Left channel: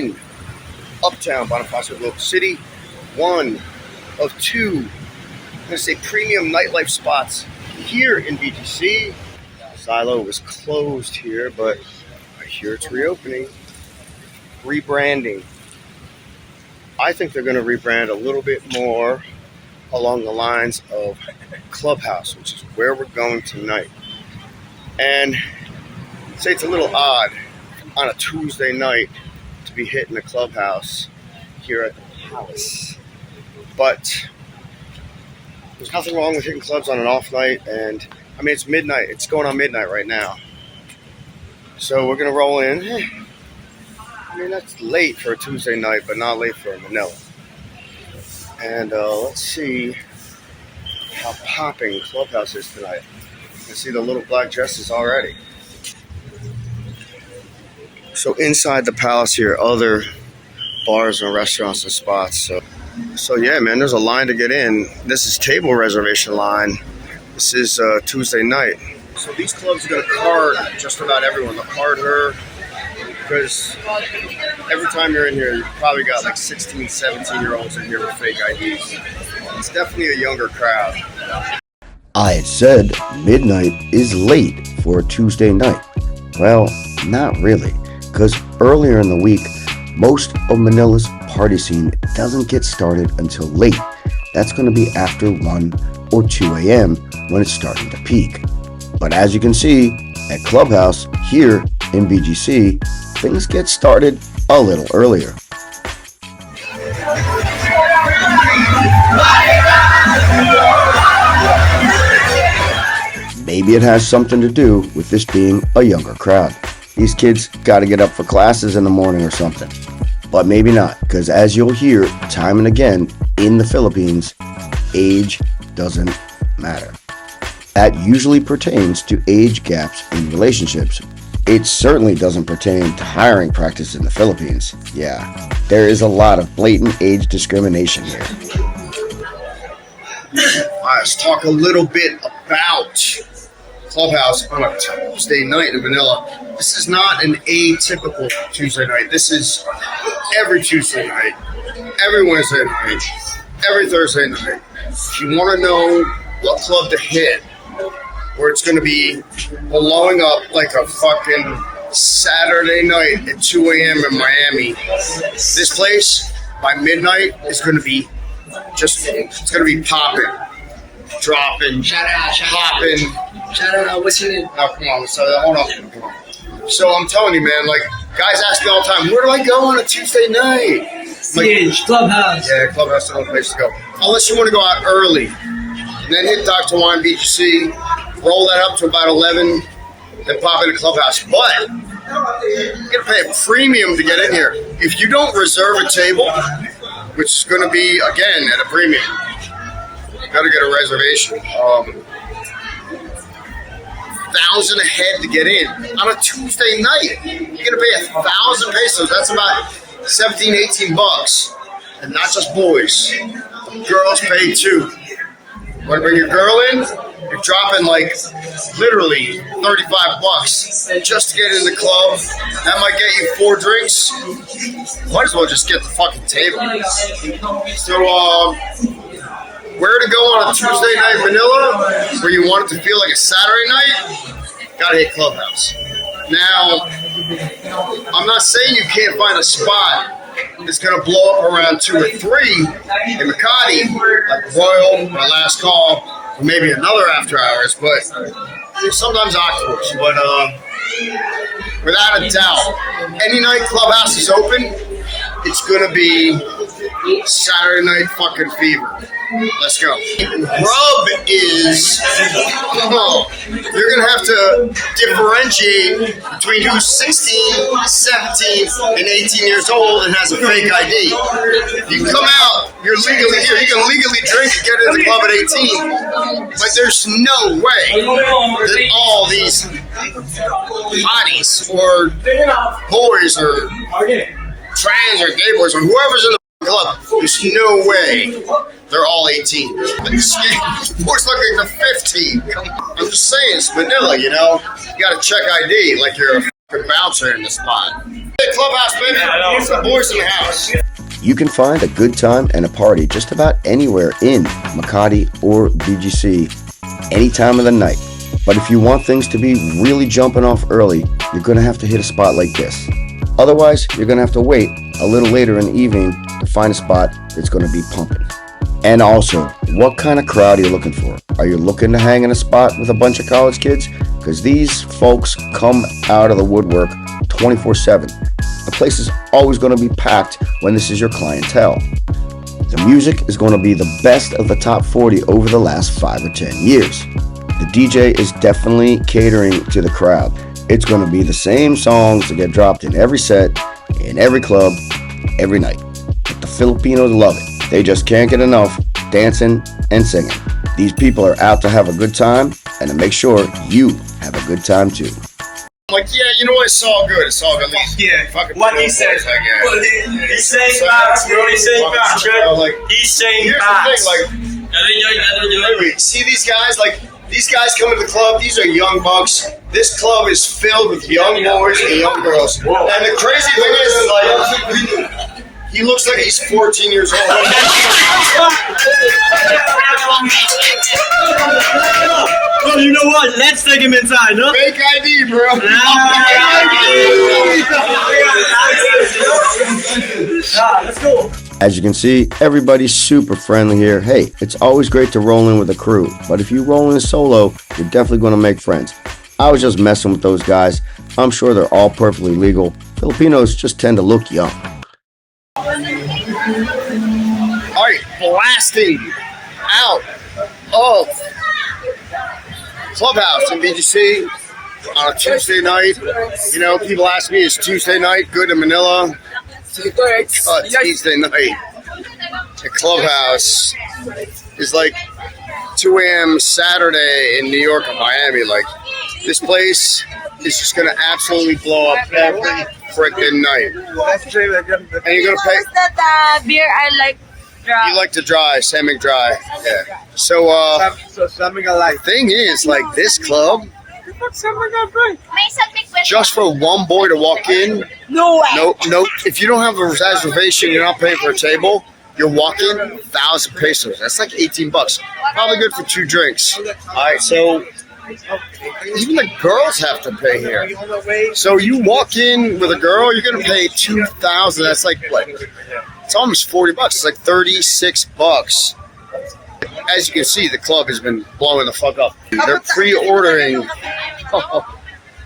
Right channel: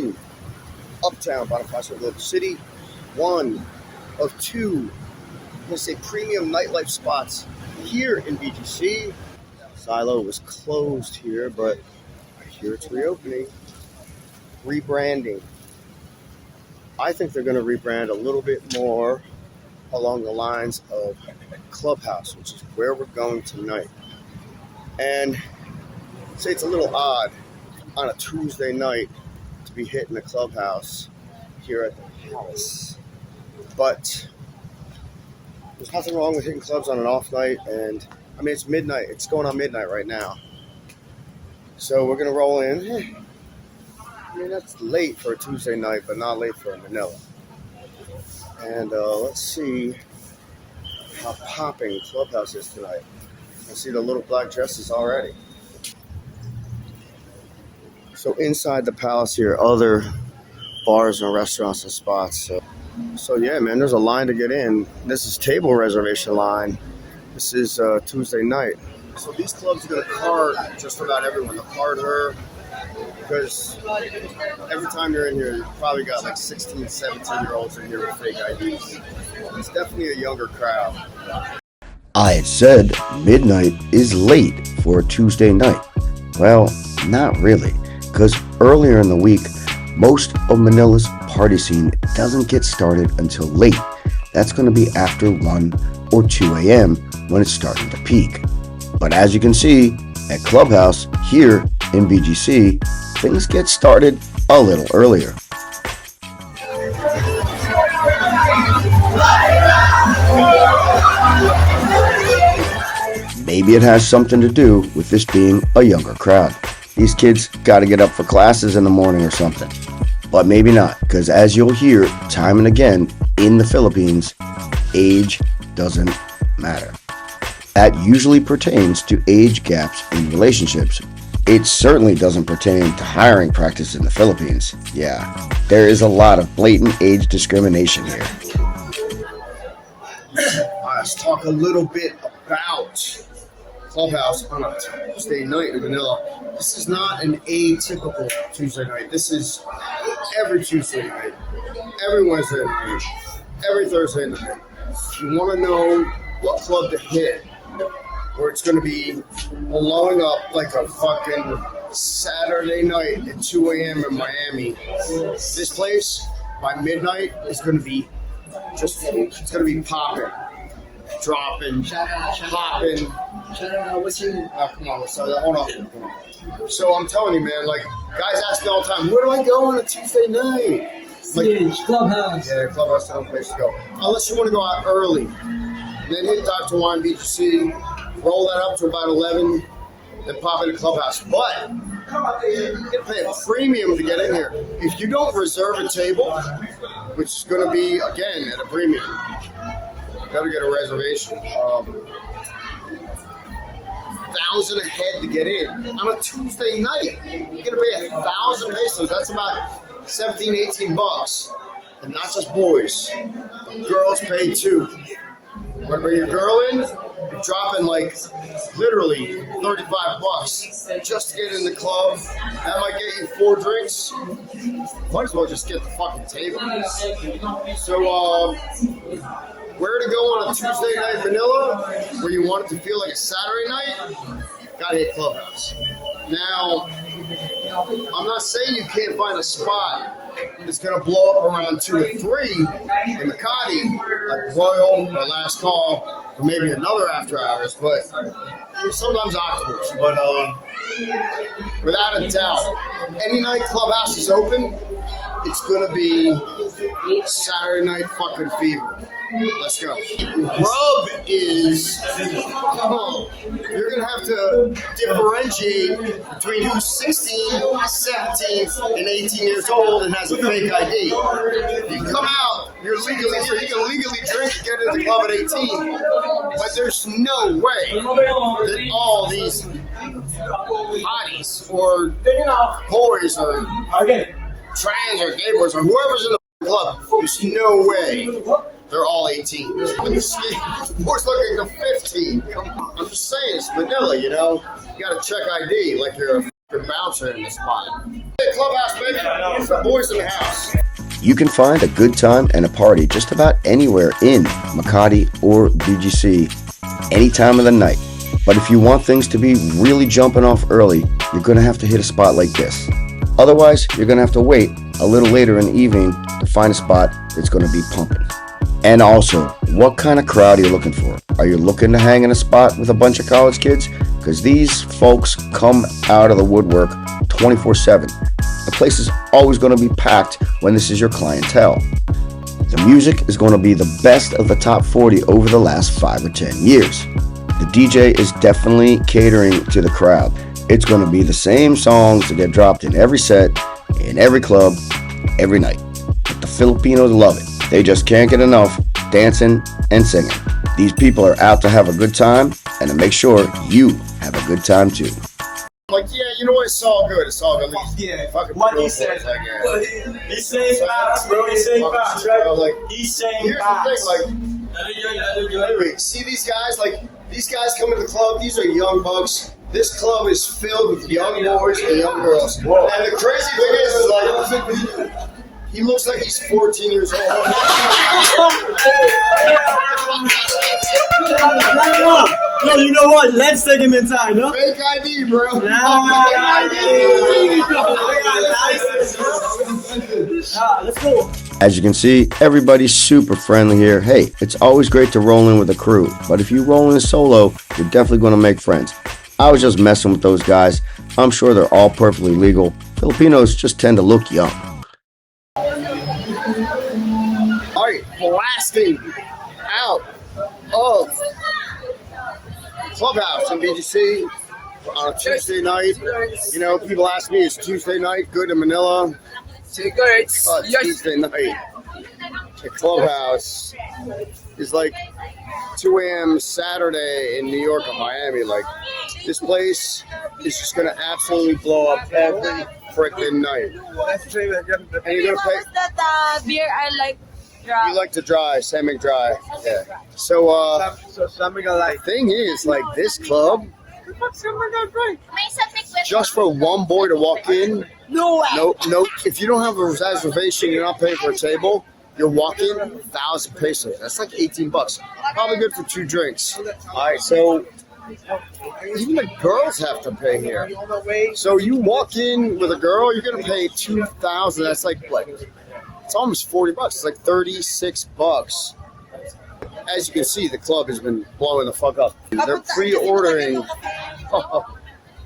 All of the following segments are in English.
in Uptown, Bonifacio, Globe City. One of two, I'm going to say, premium nightlife spots here in BGC. Silo was closed here, but I hear it's reopening. Rebranding. I think they're going to rebrand a little bit more along the lines of Clubhouse, which is where we're going tonight. And I'd say it's a little odd on a Tuesday night to be hitting the Clubhouse here at the house. But there's nothing wrong with hitting clubs on an off night, and I mean, it's midnight. It's going on midnight right now. So we're going to roll in. I mean, that's late for a Tuesday night, but not late for Manila. And let's see how popping Clubhouse is tonight. You can see the little black dresses already. So inside the palace here, other bars and restaurants and spots. So yeah, man, there's a line to get in. This is table reservation line. This is Tuesday night. So these clubs are going to card just about everyone. They'll card her because every time you're in here, you've probably got like 16, 17-year-olds in here with fake IDs. It's definitely a younger crowd. I had said midnight is late for a Tuesday night. Well, not really, because earlier in the week, most of Manila's party scene doesn't get started until late. That's going to be after 1 or 2 a.m. when it's starting to peak. But as you can see, at Clubhouse here in BGC, things get started a little earlier. Maybe it has something to do with this being a younger crowd. These kids got to get up for classes in the morning or something. But maybe not, because as you'll hear time and again in the Philippines, age doesn't matter. That usually pertains to age gaps in relationships. It certainly doesn't pertain to hiring practice in the Philippines. Yeah, there is a lot of blatant age discrimination here. Let's talk a little bit about Clubhouse on a Tuesday night in Manila. This is not an atypical Tuesday night. This is every Tuesday night, every Wednesday night, every Thursday night. If you want to know what club to hit, where it's going to be blowing up like a fucking Saturday night at 2 a.m. in Miami, this place by midnight is going to be it's going to be popping, dropping, popping. Shout out, what's your name? Oh, come on, hold on. Come on. So I'm telling you, man, like, guys ask me all the time, where do I go on a Tuesday night? Like, Clubhouse. Yeah, Clubhouse is the only place to go. Unless you want to go out early. And then hit Dr. Wine BGC, roll that up to about 11, then pop into Clubhouse. But you're going to pay a premium to get in here. If you don't reserve a table, which is going to be, again, at a premium, you got to get a reservation. 1,000 ahead to get in on a Tuesday night. You're gonna pay 1,000 pesos. That's about 17, 18 bucks, and not just boys. Girls pay too. Want to bring your girl in? You're dropping like literally 35 bucks just to get in the club. That might get you 4 drinks. Might as well just get the fucking table. So, where to go on a Tuesday night in Manila, where you want it to feel like a Saturday night? Gotta hit Clubhouse. Now, I'm not saying you can't find a spot that's gonna blow up around 2 or 3 in Makati, like Royal, My Last Call, or maybe another after hours, but sometimes Octopus. But without a doubt, any night Clubhouse is open, it's gonna be Saturday night fucking fever. Let's go. Rub is, you're going to have to differentiate between who's 16, 17, and 18 years old and has a fake ID. You come out, you're legally here. You can legally drink and get into the club at 18, but there's no way that all these hotties or boys or trans or gay boys or whoever's in the club, there's no way they're all 18. Boys look like they're 15. I'm just saying, it's Manila, you know? You gotta check ID like you're a bouncer in the spot. Hey, Clubhouse, baby. The boys in the house. You can find a good time and a party just about anywhere in Makati or BGC any time of the night. But if you want things to be really jumping off early, you're going to have to hit a spot like this. Otherwise, you're going to have to wait a little later in the evening to find a spot that's going to be pumping. And also, what kind of crowd are you looking for? Are you looking to hang in a spot with a bunch of college kids? Because these folks come out of the woodwork 24/7. The place is always going to be packed when this is your clientele. The music is going to be the best of the top 40 over the last 5 or 10 years. The DJ is definitely catering to the crowd. It's going to be the same songs that get dropped in every set, in every club, every night. But the Filipinos love it. They just can't get enough dancing and singing. These people are out to have a good time and to make sure you have a good time too. I'm like, yeah, you know what? It's all good. It's all good. Yeah, Fucking what he says. He's saying facts, bro. He's saying facts, right? He's saying Here's facts. the thing, like, see these guys? Like, these guys come to the club. These are young bucks. This club is filled with young boys and young girls. Whoa. And the crazy thing is, like, he looks like he's 14 years old. No, you know what? Let's take him inside, no? Fake ID, bro. Let's go. As you can see, everybody's super friendly here. Hey, it's always great to roll in with a crew, but if you roll in solo, you're definitely going to make friends. I was just messing with those guys. I'm sure they're all perfectly legal. Filipinos just tend to look young. All right, blasting out of Clubhouse in BGC on a Tuesday night. You know, people ask me, is Tuesday night good in Manila? It's Tuesday night. The Clubhouse is like 2 a.m. Saturday in New York or Miami. Like, this place is just going to absolutely blow up every freaking night. And you're going to pay. That beer I like dry. You like to dry, semi-dry. Yeah. So, thing is, like, this club, just for one boy to walk in, No way. no. If you don't have a reservation, you're not paying for a table. You're walking 1,000 pesos. That's like $18. Probably good for 2 drinks. All right, so even the girls have to pay here. So you walk in with a girl, you're gonna pay 2,000. That's like what? It's almost $40. It's like $36. As you can see, the club has been blowing the fuck up. They're pre-ordering.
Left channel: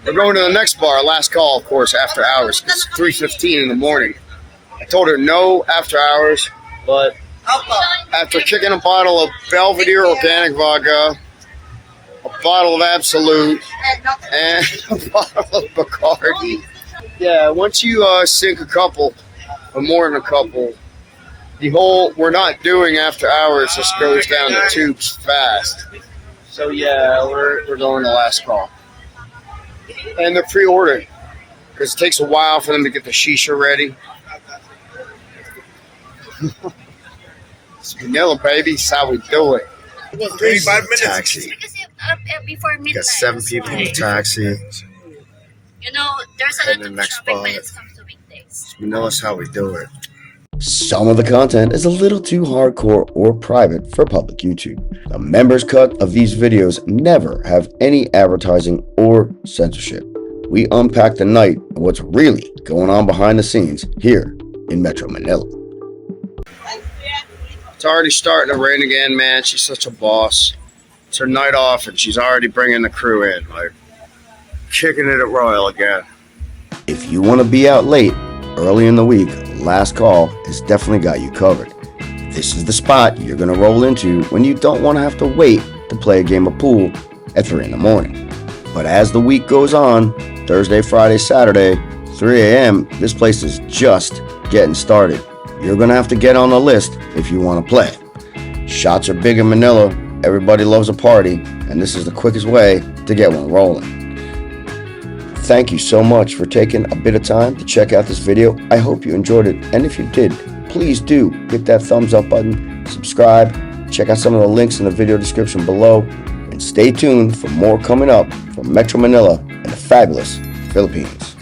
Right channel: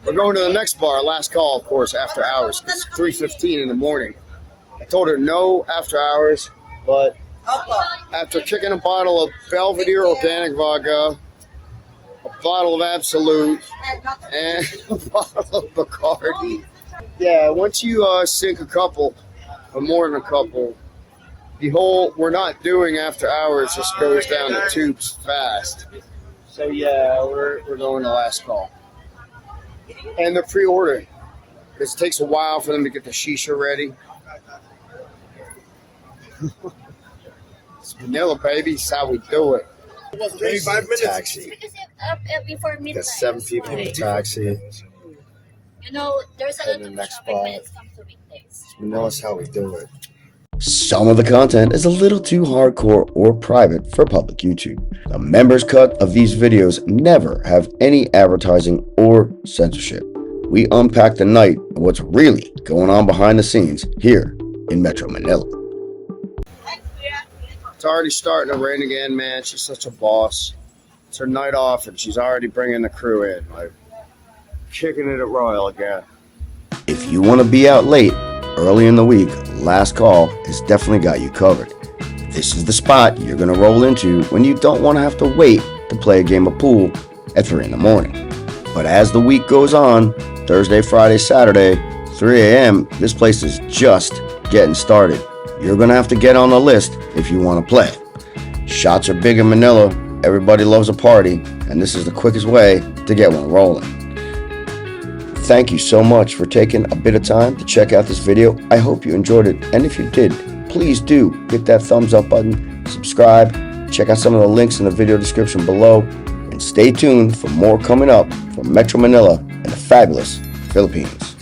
We're going to the next bar, last call, of course, after hours. It's 3:15 in the morning. I told her no after hours, but after kicking a bottle of Belvedere organic vodka, a bottle of Absolute, and a bottle of Bacardi. Yeah, once you sink a couple, or more than a couple, the whole we're not doing after hours just goes down the tubes fast. So yeah, we're going to last call. And they're pre-ordering because it takes a while for them to get the shisha ready. It's Manila, baby. It's how we do it. 35 minutes. Taxi. Because before midnight. Got 7 people in the taxi. You know, there's a And lot the of next traffic when spot. it comes to weekdays. Manila's how we do it. Some of the content is a little too hardcore or private for public YouTube. The members cut of these videos never have any advertising or censorship. We unpack the night and what's really going on behind the scenes here in Metro Manila. It's already starting to rain again, man. She's such a boss. It's her night off and she's already bringing the crew in. Like, kicking it at Royal again. If you want to be out late, early in the week, last call has definitely got you covered. This is the spot you're going to roll into when you don't want to have to wait to play a game of pool at 3 in the morning. But as the week goes on, Thursday, Friday, Saturday, 3 a.m., this place is just getting started. You're going to have to get on the list if you want to play. Shots are big in Manila, everybody loves a party, and this is the quickest way to get one rolling. Thank you so much for taking a bit of time to check out this video. I hope you enjoyed it, and if you did, please do hit that thumbs up button, subscribe, check out some of the links in the video description below, and stay tuned for more coming up from Metro Manila and the fabulous Philippines.